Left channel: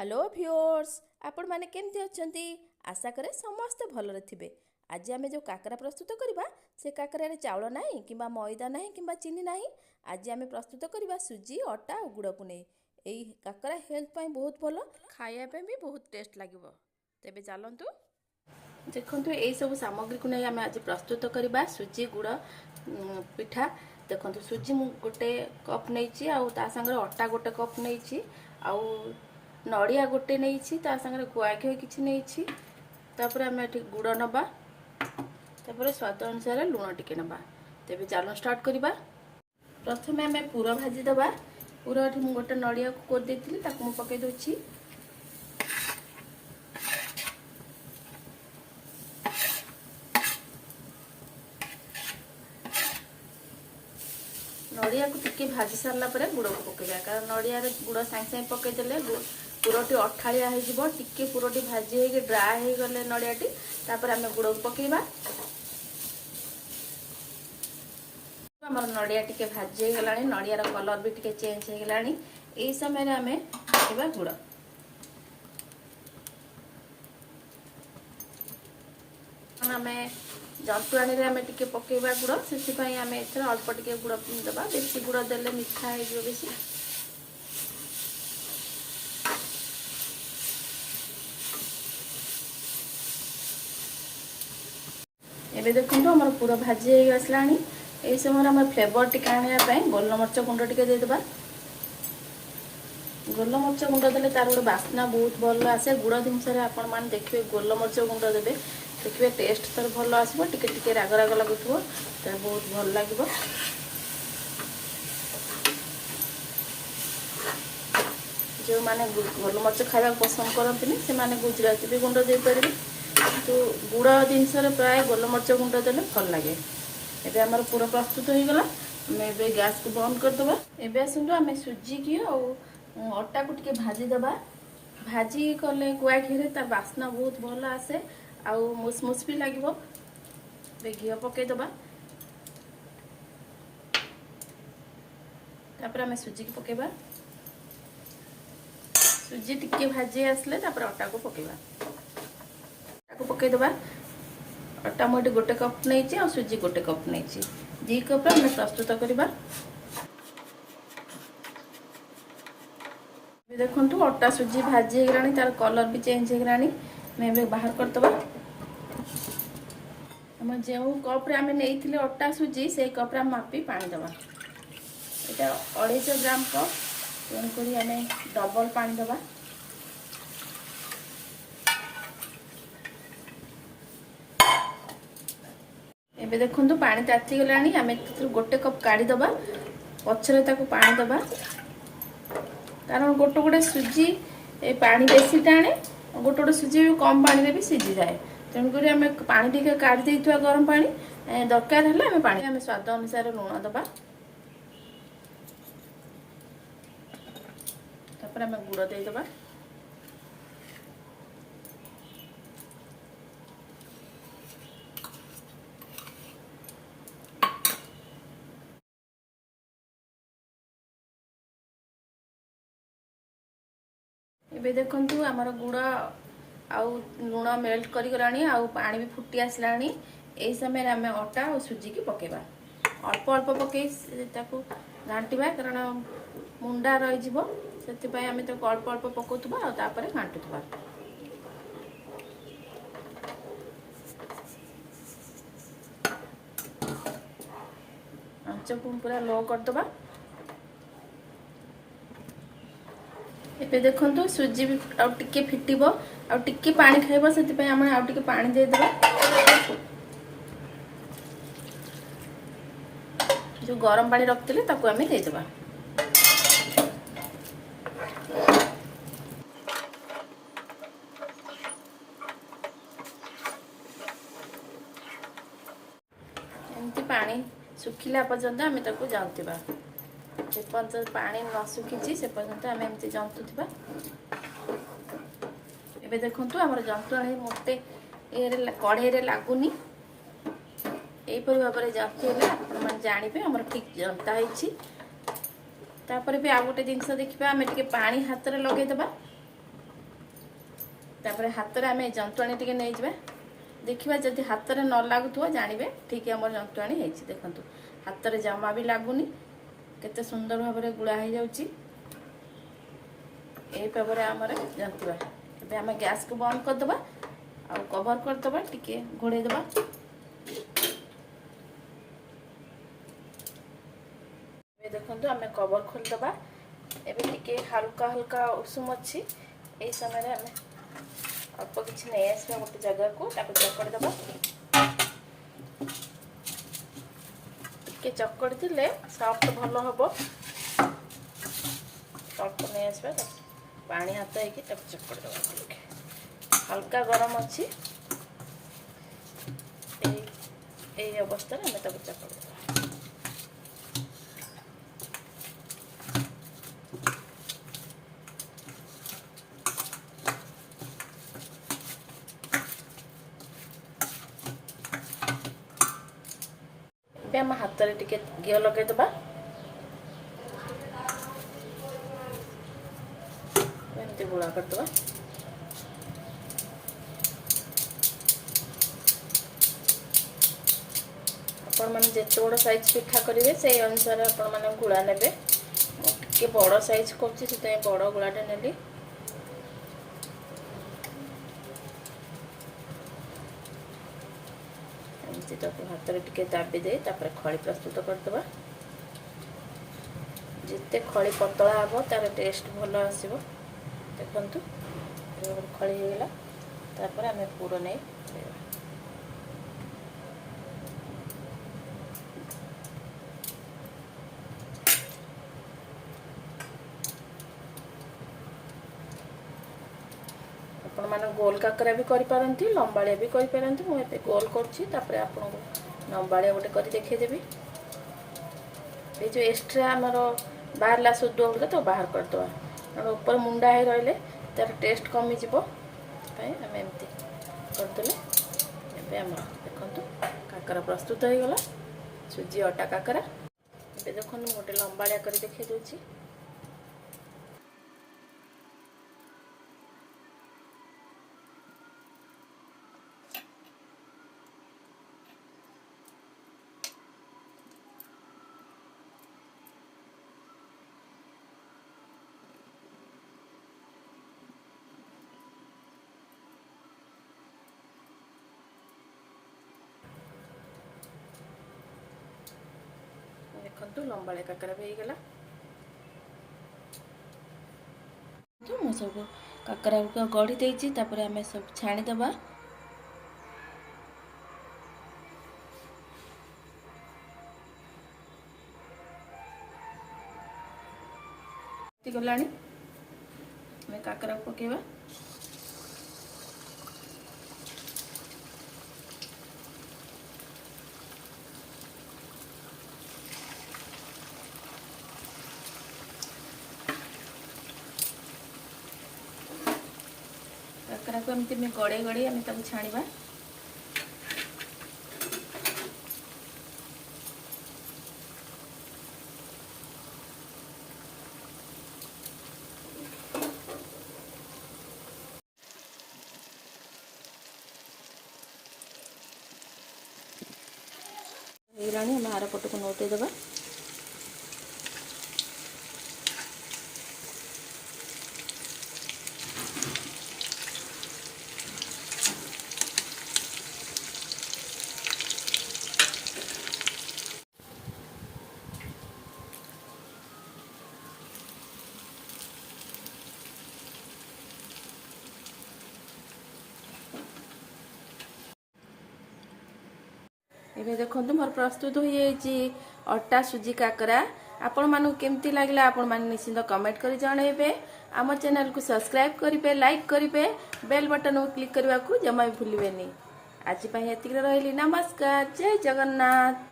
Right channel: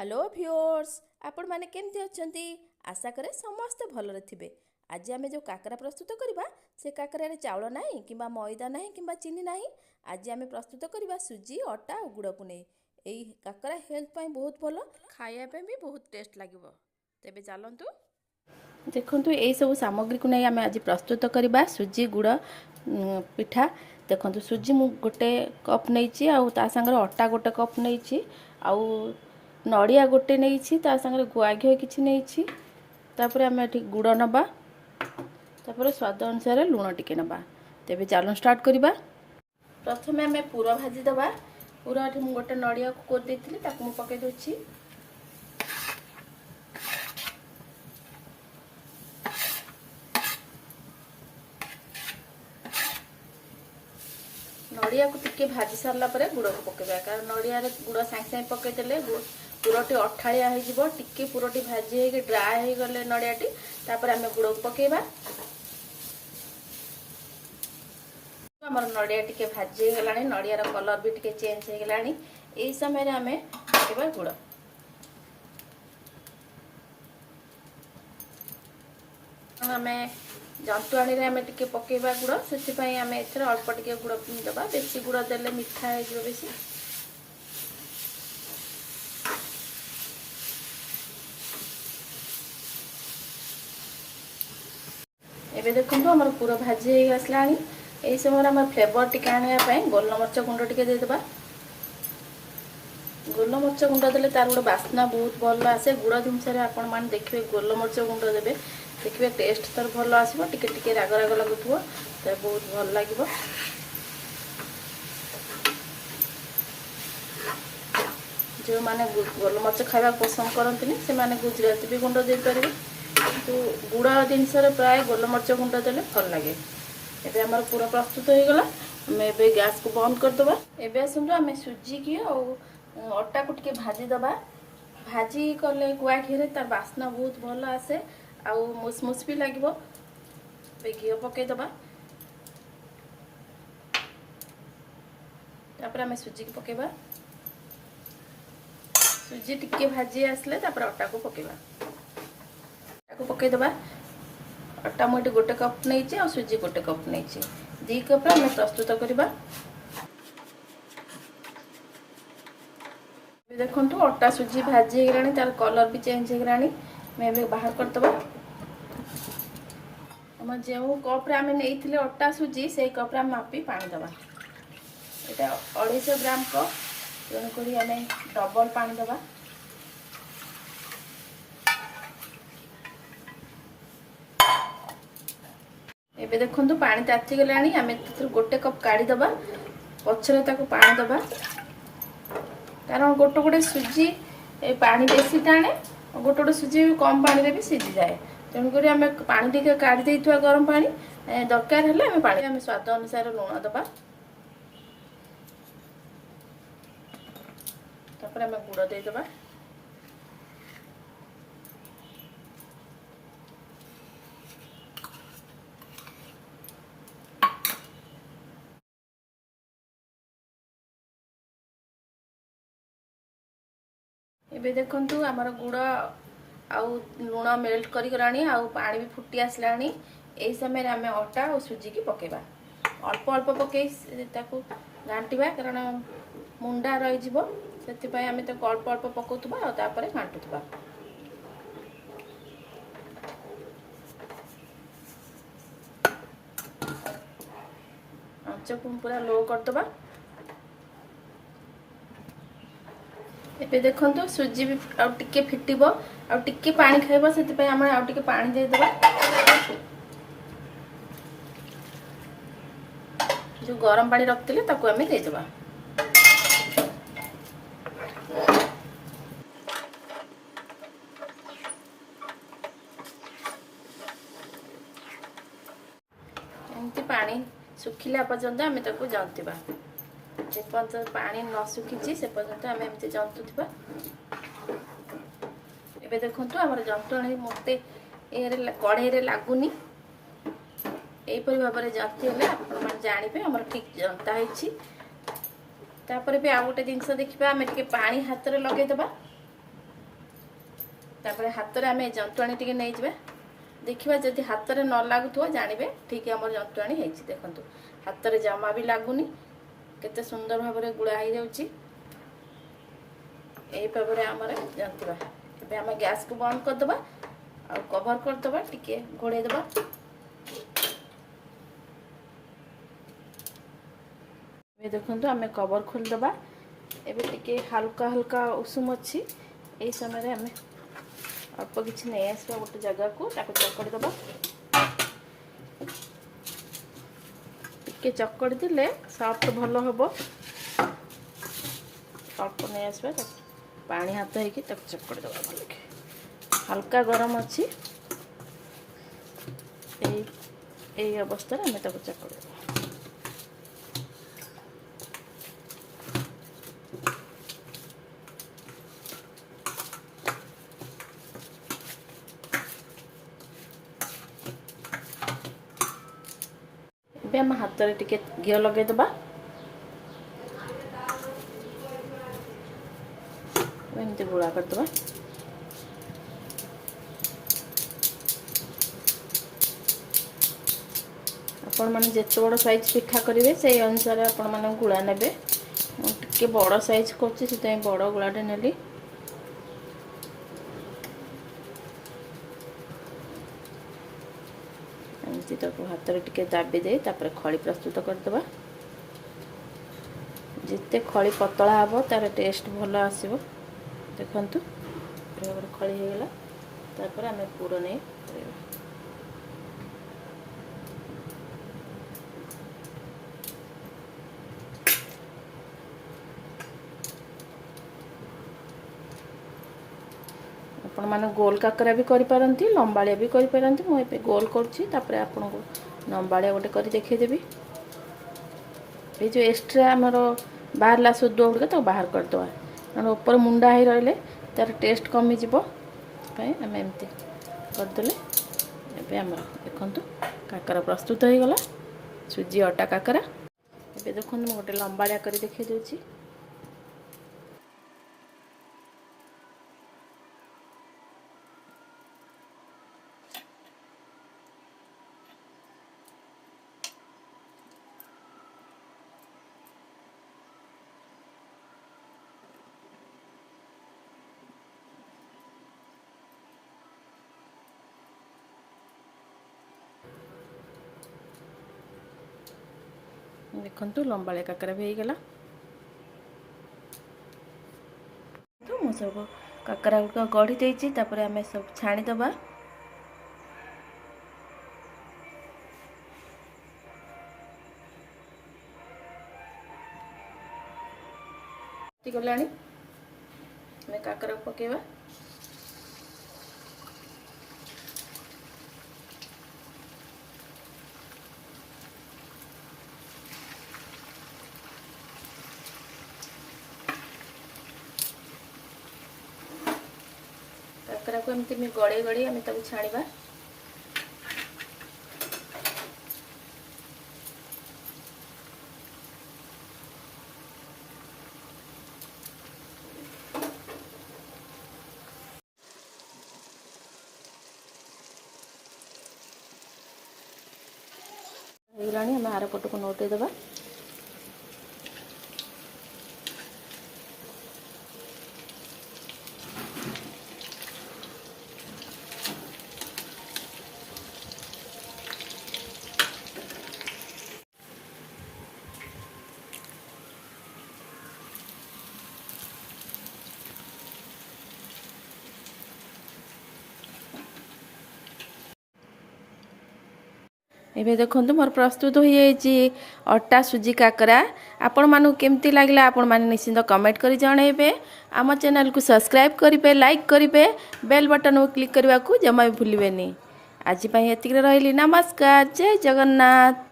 Hello viewers आपण माने केमती अछंती आशा करे समस्त भलरे थिबे। आज आमे जो काकरा प्रस्तुत करबा से काकरा रे चावल नाही किबा मैदा नाही किबा चीनी नाही। आज आमे प्रस्तुत करबा सुजी अटा और गुड़ को नै। एई काकरा हेल्थ पई बहुत भलो, खाया पे भी बहुत टेस्ट लागिवो। तेबे चलंतु देखंतु एई सब सामग्री को नै आमे आज प्रस्तुत करबा सुजी गुड़ पिठा। देखंतु सुजी मु गोटे कप नैची आ ता संगे अटा गोटे कप नैची आ नड़िया गोटे नहीं ता संगे गुआ घी किसी नहीं तापर आम गुड़ नबा तापर स्वाद अनुसार लुण टिके नबा। तेबे चलो स्टार्ट करबा। प्रथमे आम पूरा भाजी दबा। पूरा मु गोटे नड़िया को कोद देती ताकू मु पकई दोछि। नड़िया को टिके भाजी सारला परे गुड़ को पकेबा, कारण नड़िया गुड़ सांगे सांगे पकई देले पुरटी अठाड़िया हो टिके पुरटी भाजी हो ड्राए हो गले नड़ियाटी तापर आम गुड़ को पकेबा। आम नड़िया टिके भाजी हो गलानी, नड़ियार कलर भी टिके चेंज हो गलानी। एई समय आम पकेबा गुड़। आम जंतुआणी रे आम टिके पकेबा गुड़, से आम एथरे अल्प टिके गुड़ देबा। बेसी गुड़ देले मिठा हो बेसी। एबे देखो आम पूरा भाजी आसला। यही समय आम फ्लेवर टिके आने गोलमरच गुंड टिके देदेबा। गोलमरच गुंड देले तार गोटे बास्ना बहुत भल आसे। गुड़ जिनस आपण मैंने देखिए गोलमरच गुंड देवे, देखिए टेस्ट तर भल आसो। टिके टिके राग राग लगुव तो बहुत भल लगे। जो मैंने गोलमरच खावा पसंद करते से माने गुजराती भी गुंड दे पारे। तो गुड़ जिनस प्राय गोलमरच गुंड देले भल लगे। एबे हमर पूरा प्रस्तुत हो गला। मैं गैस को बंद कर दबा। एबे सुन आम सुजी की अटा को टिके भाजी दबा। भाजी कले गुआ घी रे तार बास्ना बहुत भल आसे आ मुसमुस भी लगे। घी पकई दबा। तापर आम सुजी की पकेबा। सुजी टिके भाजी आसले तापर अटा को पकेबा। पकई दबा। अटा मुझे गोटे कप नहीं और सुजी गोटे कप नहीं, 2 कप आम प्रस्तुत करबा। देखो अटा सुजी भाजी होगा, तार कलर भी चेंज होगा। बाहर करदबा। जो कप रे आम नहीं अटा सुजी से कप रे मापी पानी दबा। यहाँ 250 ग्राम कप, तेणुक आम डबल पानी दबा। एबे देखो पानी ताती गलानी। आम गोटे कप काढ़ी दबा, पछरे ताको पानी दबा। कारण गोटे गोटे सुजी पानी बेसी टाणे, गोटे गोटे सुजी कम पानी रे भी सीझी जाए। तेणुक आम पानी टिके काढ़ी देइथुआ गरम पानी दरकार हेले आम पानी आम स्वाद अनुसार लुण दबा। तापर आम गुड़ दे दबा। एबे देखंतु हमर गुड़ आउ लुण मेल्ट करी गलानी, आउ पानी भी फुटी आसलानी। एई समय आम अटा और सुजी की पकेबा। अल्प अल्प पकई ताकू घांटिबा, कारण मुंडा रही जिवो। सेति आम तो अल्प अल्प पकाउथबा और तापर घांटुथबा। आंच को पूरा लो करदबा। एबे देखंतु सुजी भी आउ टिके फिटिबो, आउ टिके पानी खाइबो, सेति पय हम आउ टिके पानी दे देबा। जो गरम पानी रखतिले ताकू हमें दे देबा। एमती पानी सुखिला पर्यंत आम ताकू जंतिबा। जे पर्यंत पानी न सुखी से पर्यंत आम एमती जंतुवा। एबे देखंतु हमर जंतुणी मते कढ़ई रे लागुनी। एपरि भाव में जंती हेले जानिबे हमर ठीक जंता होइछि। तापर भी आ गोटे जिनस देखिबा आम टिके पानी हाथ रे लगे देबा। तापर हाथ में आम जंतुआणी टी नहीं जावा देखा जदि हाथ में न लगुव जानवे ठीक आम जंतुआणी होती देखूँ हाथ में जमा भी लगुनि केते सुंदर भाव में गुड़ा हो जाऊँगी यही भाव में आम जंतुआ ए आम गैस को बंद करदे आ कवर करदे टिके घोड़ेदे देखो आम कवर खोलदे एबे टिके हल्का हल्का उषुम अच्छी यही समय आम अल्प किसी नहीं आसवा गोटे जगह को चकड़ी दबा टिके चकड़ी देले सॉफ्ट भल हम अल्प नहीं आसवा पानी हाथ होगी चकड़ी दबा हल्का गरम अच्छी यही अवस्था आम चकड़ी दबा आम हाथ में टिके घी लगेदबा एमती गुड़ा करदबा आपण मैंने जिते बड़ साइज पिठा करेंगे से अनुसार आपण मैंने गुड़ा ने टे बड़ साइज कर बड़ गुड़ाटे नेली हाथ में टिके दाबी दे खली प्रस्तुत करदबा जिते खली पतला हम तार टेस्ट भल आसो देखु खली होगला तापर आम पूर नहीं आपण मैंने गोल काकरा भी करिपारंती लंबाଳିया भी करिपारंती मु एबे गोल करछि तापर आपन को लंबाଳିया गोटे करी देखैदेबी ए जो एक्स्ट्रा हमर बाहरला सुद्ध होगा तो बाहर कर दवा कारण ऊपर मुंडा ही रहले तार टेस्ट कमी जीवो पई हम एमती करतले एबे हम देखंतु काकरा प्रस्तुत हो गला सुजी अटा काकरा एबे देखंतु मु गोटे लंबाଳିया करी देखै दोछि देखंतु लंबाळे काकरा भी गला तो मो सब काकरा को गढ़ी देछि तापर हमें सब छाणी दबा गलानी हमें काकरा पकेबा काकरा को एमती गड़े गड़े आम छाणीबा ହେଇଗଲାଣି ଆମେ ଆର ପଟକୁ ନୋଟେଇ ଦେବା एबे देखंतु मोर प्रस्तुत हो जाइए अटा सुजी काकरा आपण मानू केमती लागला आपण माने निश्चिंत कमेंट करी जणेबे आम चैनल को सब्सक्राइब करिवे लाइक करिवे बेल बटन को क्लिक करने को जमा भी भूलिबेनी आज पई एतिक रहिली नमस्कार जय जगन्नाथ।